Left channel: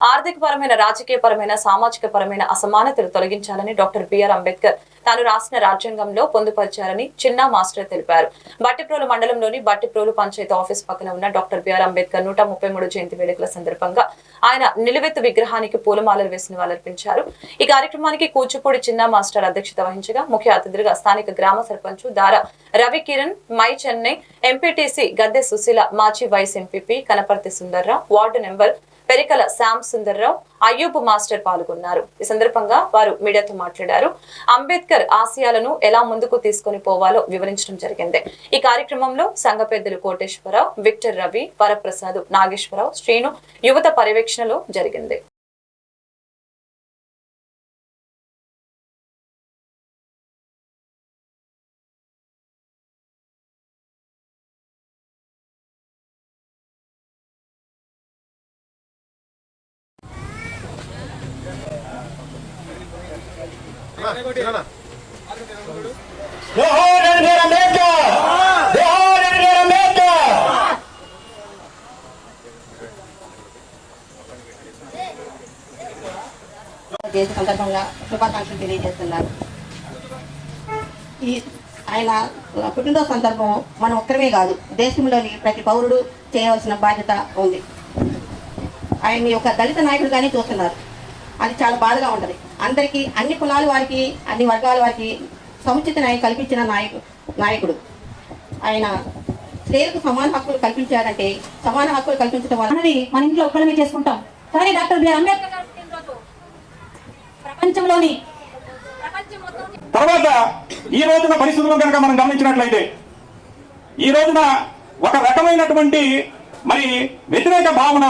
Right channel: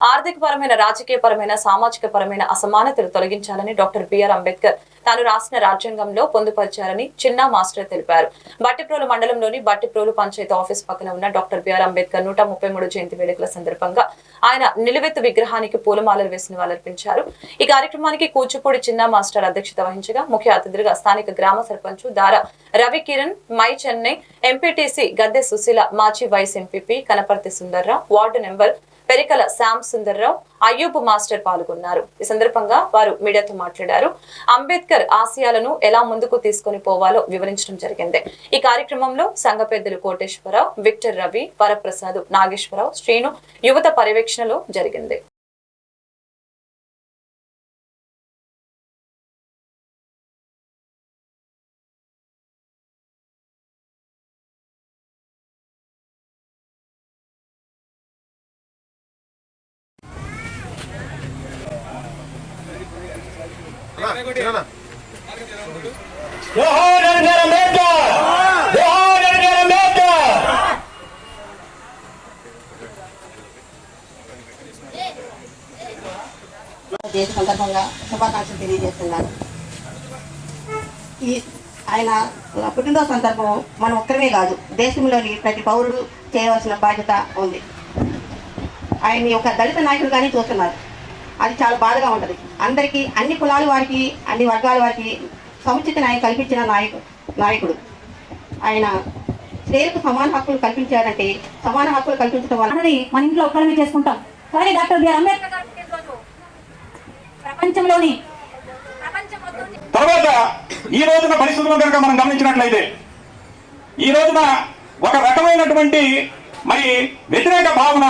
ఆర్థిక పరమైన రాజకీయ పరమైన సామాజిక పరమైన అసమానతలు తొలగించాలని డాక్టర్ బిఆర్ అంబేద్కర్ తాను రాసిన రాజ్యాంగంలో పొందుపరిచారని చిన్నా మాస్టర్ తెలిపారు. బట్టిప్రోలు మండలంలోని బట్టిప్రోలు పంచాయతీ ఆఫీస్ పక్కన ఉన్న డాక్టర్ బిఆర్ అంబేద్కర్ నూట ముప్పై మూడు జయంతి వేడుకల సందర్భంగా ఆయన నిలువెత్తు విగ్రహానికి పూలమాలలు వేసి నివాళులర్పించారు ఈ కార్యక్రమానికి కూచిపూడి చిన్నా మాస్టర్ అధ్యక్షత వహించగా ముఖ్య అతిథిగా స్థానిక గ్రామ సర్పంచ్ దార రవి కిరణ్ మై చెన్నై ఎంపీటీసీ గద్దె సుశీల మాజీ vice MPP Kanaparthi Sundarrao ward number Perikala Shyam Sundarrao Ayyub master పాల్గొన్నారు. ఈ సందర్భంగా వారు మీడియాతో మాట్లాడారు. అంబేద్కర్ ఆశయాలను ఎలా ముందుకు తీసుకొని పోవాలో వివరించడం జరిగింది. ఈ కార్యక్రమంలో సంఘ పెద్దలు కోటేశ్వరరావు విక్టర్ రవి వరప్రసాద్ నాగేశ్వరరావు శ్రీను యువత పర్యవేక్షణలో జరిగింది. జోహార్ సందర్భంగా శుభాకాంక్షలు తెలియజేస్తున్నాను. ఈ ఆయన పుట్టినరోజు సందర్భం మనం ఒక్కరమే కాదు దేశంలోని ప్రతి పౌరుడు చేయవలసిన బాధ్యత ఉంది. ఆయన్ని ఒక దళిత నాయకుడిగానే చూస్తున్నారు. అది చాలా బాధగా ఉంటుంది. అందరికీ అన్ని కులాల వారికి అన్ని వర్గాల వారికి సముచిత న్యాయం కల్పించిన నాయకు నాయకుడు. ఆయన స్త్రీలకు సమాన హక్కులు కల్పించారంటే సమాన హక్కులు కల్పించడం వల్ల మన ఇంట్లో ఒక్కడమే చేసుకుంటాం. కానీ డాక్టర్ బిఆర్ అంబేద్కర్ గారి ప్రపంచంలోని తర్వాత ఈ రోజున పరిస్థితులు కనుక మనం గమనించినట్లయితే ఈ రోజున ఒక రకమైనటువంటి మరి వ్యతిరేక భావన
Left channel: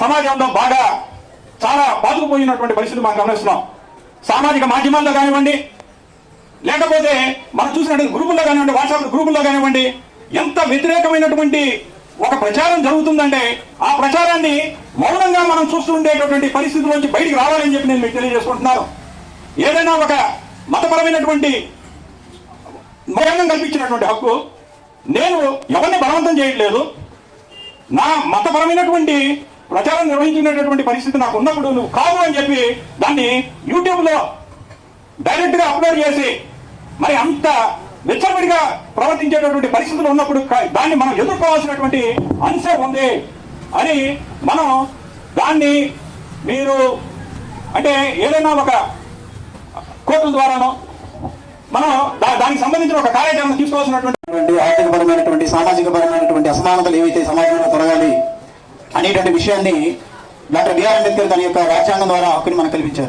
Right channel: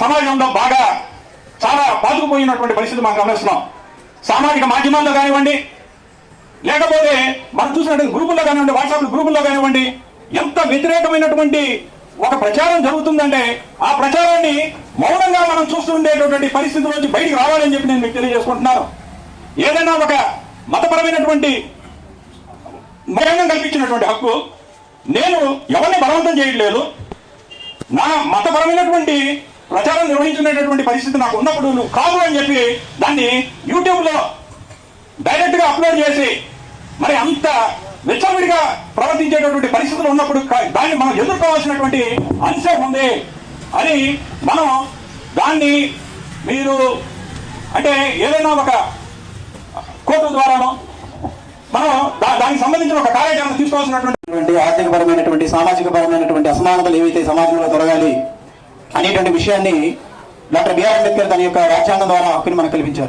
సమాజంలో బాగా చాలా బాధకుపోయినటువంటి పరిస్థితి మనం గమనిస్తున్నాం సామాజిక మాధ్యమాల్లో కానివ్వండి లేకపోతే మనం చూసినట్టు గ్రూపుల్లో కానివ్వండి వాట్సాప్ గ్రూపుల్లో కానివ్వండి ఎంత వ్యతిరేకమైనటువంటి ఒక ప్రచారం జరుగుతుందంటే ఆ ప్రచారాన్ని మౌనంగా మనం చూస్తుండేటటువంటి పరిస్థితి నుంచి బయటికి రావాలని చెప్పి నేను మీకు తెలియజేసుకుంటున్నాను. ఏదైనా ఒక మతపరమైనటువంటి మౌనం కల్పించినటువంటి హక్కు నేను ఎవరిని బలవంతం చేయట్లేదు. నా మతపరమైనటువంటి ప్రచారం నిర్వహించుకునేటటువంటి పరిస్థితి నాకు ఉన్నప్పుడు నువ్వు కాదు అని చెప్పి దాన్ని యూట్యూబ్లో డైరెక్ట్గా డైరెక్ట్గా అప్లోడ్ చేసి మరి అంత విచ్చలవిడిగా ప్రవర్తించేటటువంటి పరిస్థితులు ఉన్నప్పుడు దాన్ని మనం ఎదుర్కోవాల్సినటువంటి అంశం ఉంది అని మనం దాన్ని మీరు అంటే ఏదైనా ఒక కోర్టుల ద్వారానో మనం దానికి సంబంధించిన ఒక కార్యాచరణ తీసుకోవాల్సినటువంటి ఆర్థిక పరమైనటువంటి సామాజిక పరమైనటువంటి అసమానతలు ఏవైతే సమాజంలో జరగాలి అనేటువంటి విషయాన్ని డాక్టర్ బిఆర్ అంబేద్కర్ తన యొక్క రాజ్యాంగం ద్వారా హక్కుని మనకు కల్పించారు.